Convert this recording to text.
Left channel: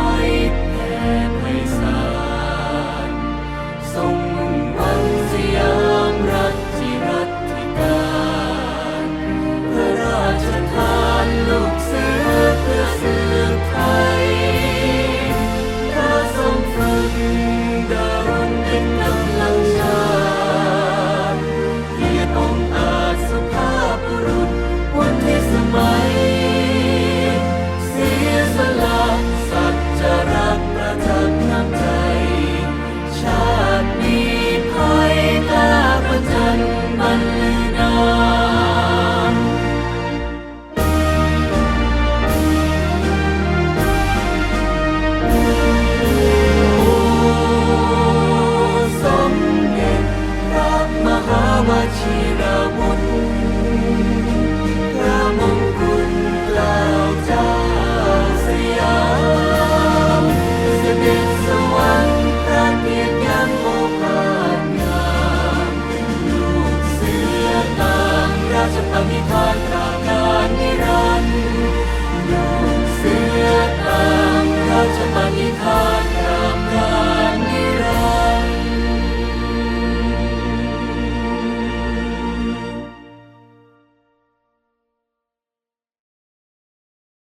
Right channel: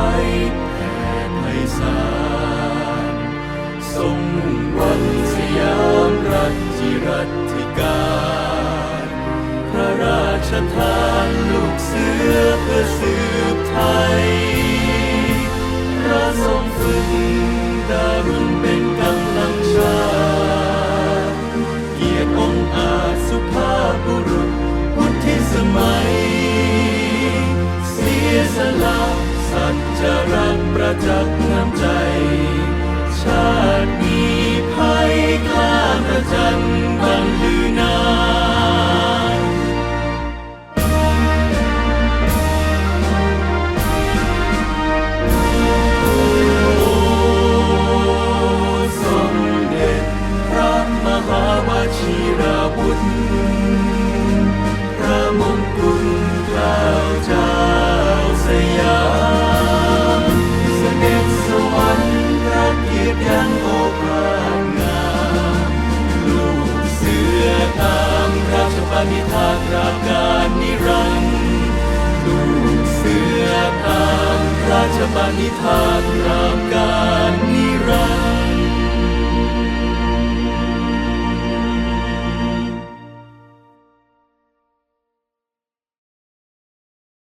Теплий сад. ประจันิรันดูเสือตามราชบัณฑิธานกราบกาย